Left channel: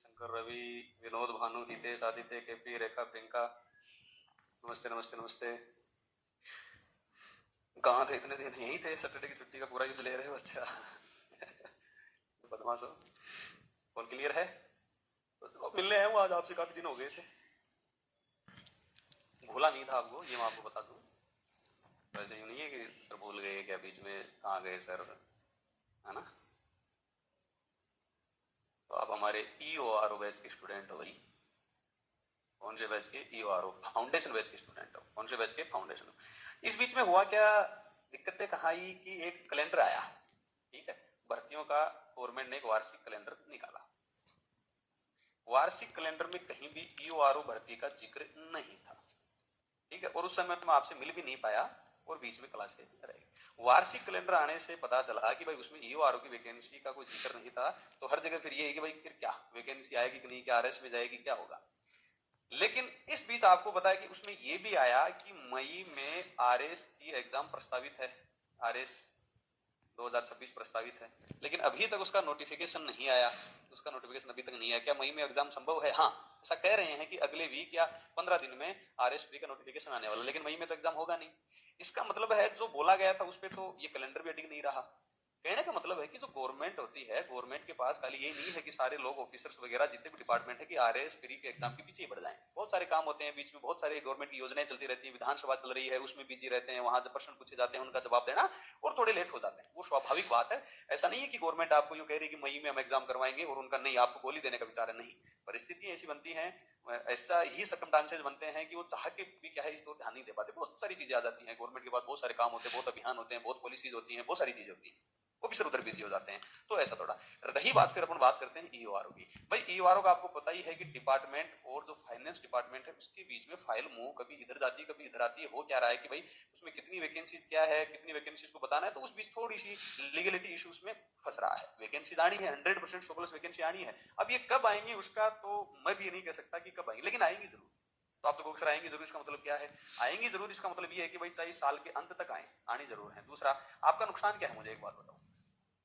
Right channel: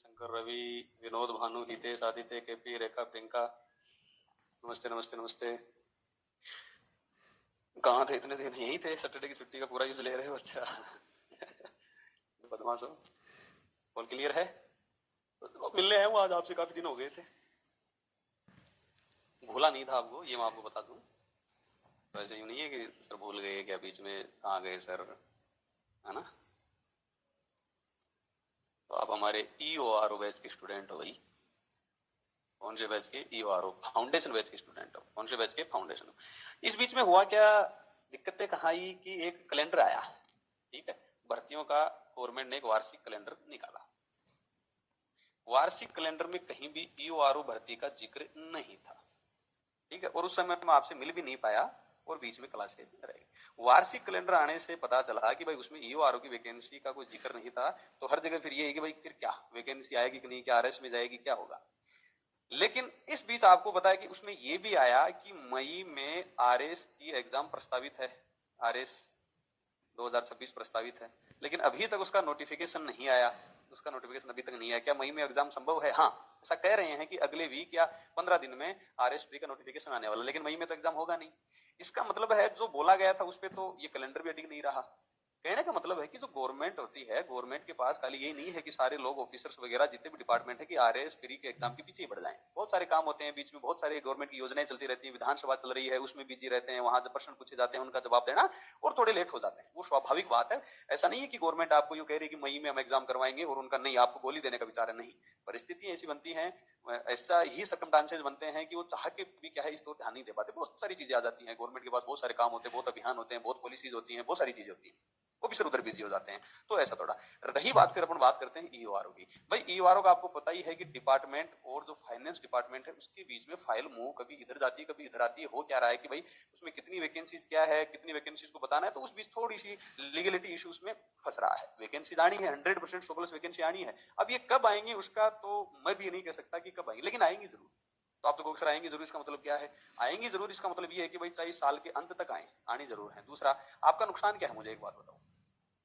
Shankar, Ravi, Vinod, Bhanu, Hitesh, Aditya, KP, रेखा, प्रियंका। नमस्ते नमस्ते नमस्ते। कहाँ थे इतने दिन? यही थे, सैटरडे की छुट्टी का पूरा यूज ले रहे हो? अच्छा। बदमाश हो। कॉल क्लियर है? तो मिलने आए हूँ आज आपसे, काफी दिन हो गए थे। भूला नहीं था आपको, ये मैं आपको बता दूं। तो ऐसे यूं नहीं है कि सर भूल गए क्या, बीच में कहाँ गए सर, है ना? तो आप हमारे EORO बैच के स्टूडेंट हो भाई। कौन से बैच के? EORO फाउंडेशन बैच के स्टूडेंट हो। कौन से बैच के? फाउंडेशन। इस बीच में हुआ क्या, दिक्कतें कहाँ आई कि एक कैलेंडर आया, ठीक है, भर्तियों का। गवर्नमेंट ने एक वार्षिक कैलेंडर निकाला। वार्षिक कैलेंडर में कहीं भी EORO भर्ती का जिक्र नहीं था, ठीक है। और उस समय मैं आपसे मिल भी नहीं पाया और बीच में क्लासेज रही। वार्षिक कैलेंडर आने से पता चला कि भाई उसमें EORO की वैकेंसी का कोई जिक्र नहीं था। तो हर जगह फिर ये है कि भाई फिर क्या वैकेंसी आएगी कि नहीं, क्या RS में जाएगी, क्या होगा। लेकिन इस बीच आपको पता है कि उसमें ये भी आया कि मई में RS की एग्जाम प्रस्तावित है। RS 2026 प्रस्तावित है, लेकिन अभी तक उसका नोटिफिकेशन नहीं आया। उसका नोटिफिकेशन अभी तक नहीं आया। क्या मई में एग्जाम संभव है? हाँ, ऐसा कह रहे हैं कि अगले वीक या 15 दिन में RS का नोटिफिकेशन आने वाला, लेकिन मई में तो एग्जाम होगा नहीं। इसका मतलब है जो बोला गया था उस पर तो ये कैलेंडर भी अडिग नहीं रहा। कहने का मतलब है कि जो गवर्नमेंट होती है, गवर्नमेंट के पास खाली यही नहीं है कि सारे लोग ऑफिसर्स वगैरह जितने भी डिपार्टमेंट है कि RS फ्री के एग्जाम के पीछे ही बढ़ जाएं। बहुत सारे काम होते हैं बीच में, बहुत सारे गवर्नमेंट की योजनाएं चलती रहती है, विधानसभा चल रही है उसमें बिजी रहते हैं, वहां जब प्रश्न पूछे जाते हैं उनका जवाब देना और थोड़े लेट हो जाते हैं, वो स्वाभाविक बात है। ऐसा नहीं है कि गवर्नमेंट आपको यूं कह रही है कि मई में हम एग्जाम करवाएंगे और उनका नहीं, आपको गोली देने का विचार है, नहीं। परिस्थितियां ऐसी बनती हैं, ऐसा ही सर्कमस्टांसेस बनते हैं कि वो चाह के भी क्या है इस तो ध्यान नहीं दे पाते। बहुत सारी चीजें आ जाती हैं गवर्नमेंट के पास, बहुत सारे काम होते हैं, बहुत अभियान होते हैं, बहुत पॉलिसीज होती हैं, बहुत सारी चीजें होती हैं, वो भी सर उधर बिजी हो जाते हैं। तो ऐसा थोड़ा रही बात, फिर अपन बात करते हैं EORO की। भाई EORO का आपको पता ही है कि डिपार्टमेंट और जो फाइनेंस डिपार्टमेंट है उसके बीच में फाइल मूव कभी इधर जाती है कभी इधर आती है। हो क्या रहा है कि भाई उसमें कितनी वैकेंसीज क्या है, कितनी वैकेंसीज को बताना है, तो उस बीच थोड़ी सी लीगलिटी इश्यूज में फंस रहा है। वैकेंसीज आनी है 100% 100+ वैकेंसी आनी है। अब ये कब आएंगी उसका तो मैं भी ये नहीं कह सकता कि कब आएंगी, लेकिन आएंगी जरूर। तो आप तो सर आएंगी जरूर, इसका मतलब क्या है? आएंगी जरूर इसका मतलब ये है कि भाई चाहे साल के अंत तक आए, आनी जरूर है। दूसरा, आपका नुकसान क्या है मुझे एक बात बताओ,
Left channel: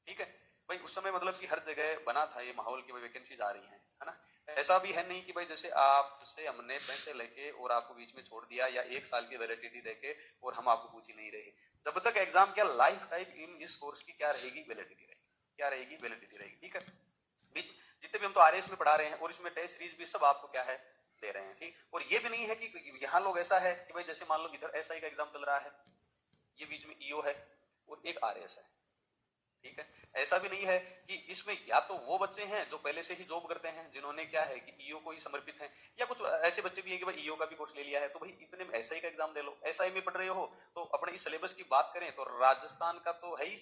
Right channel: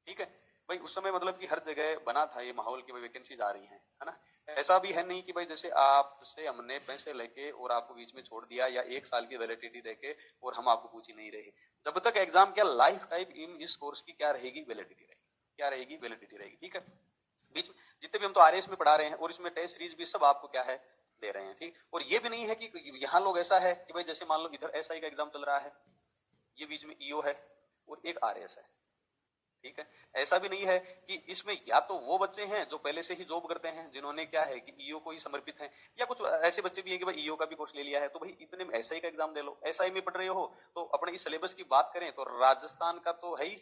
ठीक है। भाई उस समय मतलब कि हर जगह बना था ये माहौल की वैकेंसीज आ रही हैं, है ना। ऐसा भी है नहीं कि भाई जैसे आपसे हमने पैसे लेके और आपको बीच में छोड़ दिया, या 1 साल की वैलिडिटी देके और हम आपको पूछ ही नहीं रहे। जब तक एग्जाम क्या लाइफ टाइम इन इस कोर्स की क्या रहेगी, वैलिडिटी रहेगी। क्या रहेगी? वैलिडिटी रहेगी, ठीक है। बीच जितने भी हम तो RS में पढ़ा रहे हैं और इसमें टेस्ट सीरीज भी सब आपको क्या है दे रहे हैं, ठीक। और ये भी नहीं है कि यहाँ लोग ऐसा है कि भाई जैसे मान लो इधर SI का एग्जाम चल रहा है, ये बीच में EO है और एक RS है, ठीक है। ऐसा भी नहीं है कि इसमें या तो वो बच्चे हैं जो पहले से ही जॉब करते हैं, जिन्होंने क्या है कि EO को ही समर्पित हैं, या कुछ ऐसे बच्चे भी हैं कि भाई EO का भी कोर्स ले लिया है। तो भाई इतने में SI का एग्जाम दे लो। SI में पढ़ रहे हो तो अपने इस सिलेबस की बात करें तो राजस्थान का तो है ही,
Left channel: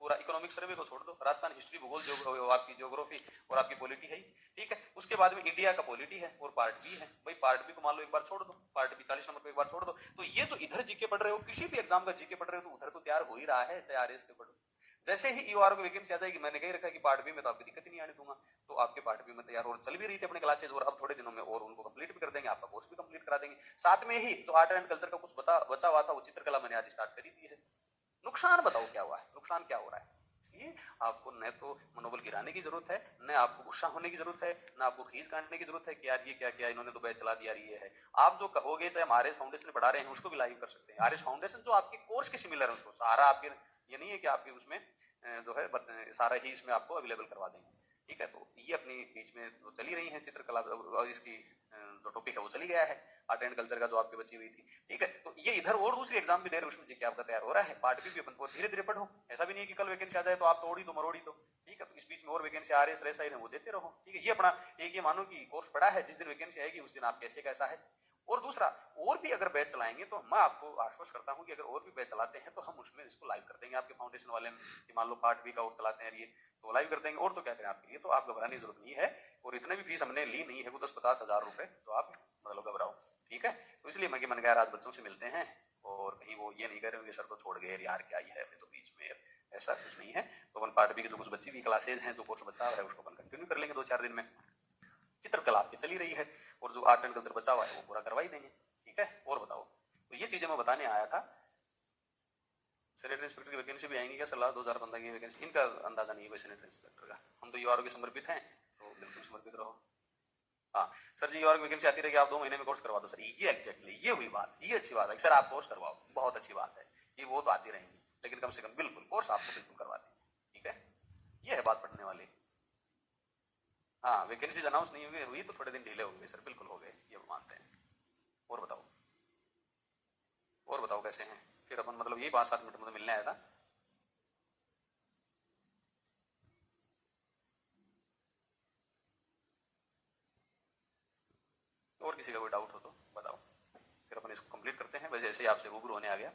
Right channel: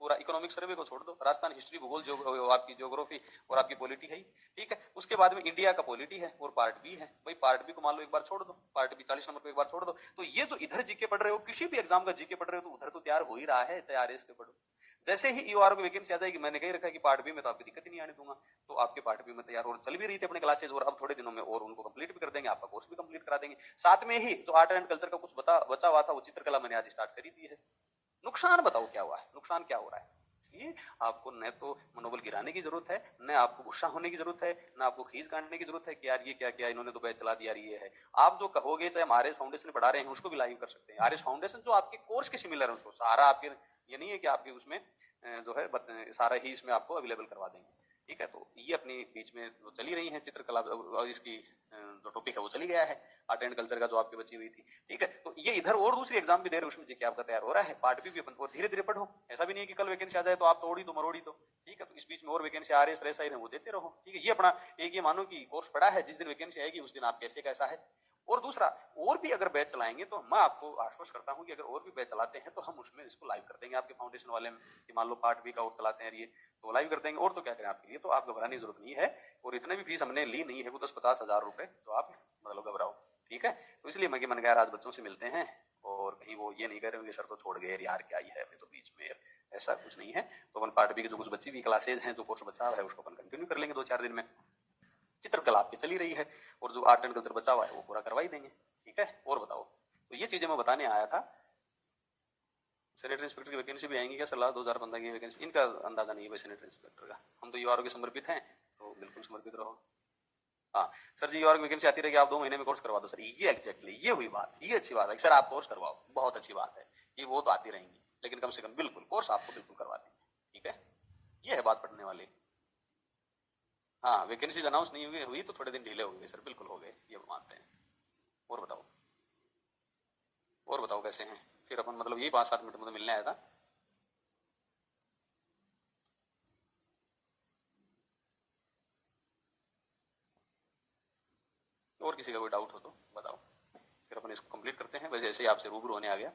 पूरा इकोनॉमिक सर्वे को छोड़ दो, राजस्थान हिस्ट्री, भूगोल, आपकी ज्योग्राफी और आपकी पॉलिटी है ही, ठीक है। उसके बाद में इंडिया का पॉलिटी है और पार्ट बी है। भाई पार्ट बी को मान लो एक बार छोड़ दो, पार्ट बी 40 नंबर को एक बार छोड़ दो। तो ये जो इधर जीके पढ़ रहे हो, किसी भी एग्जाम का जीके पढ़ रहे हो, तो उधर तो तैयार हो ही रहा है, चाहे RS के पढ़ो। जैसे ही EORO की वैकेंसी आ जाएगी, मैंने कही रखा है कि पार्ट बी में तो आपकी दिक्कत ही नहीं आने दूंगा। तो आपके पार्ट बी में तैयार और चल भी रही थी अपने क्लासेज, और अब थोड़े दिनों में और उनको कंप्लीट भी कर देंगे, आपका कोर्स भी कंप्लीट करा देंगे। साथ में ही जो आर्ट एंड कल्चर का कुछ बचा हुआ था, वो चित्रकला मैंने आज स्टार्ट कर ही दी है। नुकसान बताओ क्या हुआ है, नुकसान क्या हो रहा है? इसलिए आपको न तो मनोबल गिराने की जरूरत है, न आपको गुस्सा होने की जरूरत है, न आपको खींच काटने की जरूरत है कि यार ये क्या किया इन्होंने, तो बैच चला दिया, ये है। आप जो कहोगे, चाहे हम RS फाउंडेशन में पढ़ा रहे हैं उसको भी लाइव कर सकते हैं। RS फाउंडेशन जो आपके कोर्स के सिमिलर है, उसको सारा आपके, ये नहीं है कि आपके उसमें जो है सारा ही इसमें आपको अवेलेबल करवा देंगे, ठीक है। तो ये अपनी बीच में जो चली रही है चित्रकला और इसकी जो टॉपिक है वो चली गया है, आर्ट एंड कल्चर का जो आपकी बची हुई थी, ठीक है। तो ये इधर और दूसरी एग्जाम भी दे रहे हो, उसमें जी आपका तैयार हो रहा है। पार्ट बी भी अपन को धीरे धीरे पढ़ो, ऐसा भी नहीं है कि कल वैकेंसी आ जाए तो आप तोड़ी दो मरोड़ी दो, ठीक है। तो इस बीच में और वैकेंसी RS RSI है वो देते रहो, ठीक है। ये अपना एक ये मानो कि कोर्स पढ़ा है, जिस दिन वैकेंसी आएगी उस दिन आप कैसे कैसा है। और दूसरा, और भी अगर बैच चलाएंगे तो मैं आपको आश्वस्त करता हूं कि अगर और भी बैच चलाते हैं तो हम उसमें इसको लाइव कर देंगे आपके फाउंडेशन वाले में, कि मान लो पार्ट बी का और चलाते हैं ये, तो लाइव कर देंगे। और तो क्या करें आपके लिए, तो आप घबराने की जरूरत नहीं है। और इतने भी फीस हमने ली नहीं है, वो 10-50 हजार रुपए, तो आप मतलब घबराओ, ठीक है। तो इसलिए मैंने कहा आज बच्चों से मिलते हैं, और कहीं वो ये नहीं कह रहे होंगे सर तो छोड़ गए यार, क्या ही है तो बीच में, ऐसा कुछ नहीं है। तो अपन पार्ट बी की जो कुछ बची हुई क्लासेज हैं, जो कोर्स बचा हुआ है, उसको अपन कंटिन्यू कर लेंगे 2-4 दिन में। चित्रकला आपकी चली रही है और जो आर्ट एंड कल्चर बचा हुआ है वो पूरा करवा ही देंगे, ठीक है। और बताओ, तो ये चीजें मैं बताने आया था। सैनिटरी इंस्पेक्टर की वैकेंसी भी आएंगी क्या? सलाह 2015 की वैकेंसी, इनका अंदाजा नहीं है भाई सैनिटरी इंस्पेक्टर का। हम तो EORO के समर्पित हैं, तो बिल्कुल समर्पित रहो। हाँ सर जी, और वैकेंसी आती रहेगी, आप 2 महीने में कोर्स करवा दो सर, ये एग्जैक्टली ये हुई बात, ये अच्छी बात है सर, आप कोर्स करवाओ, बहुत अच्छी बात है कि वो तो आती रहेंगी, लेकिन कम से कम बिल्कुल कोर्स आपको बिल्कुल करवा देंगे, ठीक है, ये है बात पढ़ने वाली। हाँ वैकेंसीज अनाउंस नहीं हुई तो थोड़े दिन ढीले हो गए सर, बिल्कुल हो गए, ये मानते हैं। और बताओ, और बताओ कैसे हैं फिर अपन, मतलब यही 5-7 मिनट मुझे मिलने आया था। और किसी का कोई डाउट हो तो बताओ, फिर अपन इसको कंप्लीट करते हैं, वैसे ऐसे ही आपसे रूबरू होने आ गया।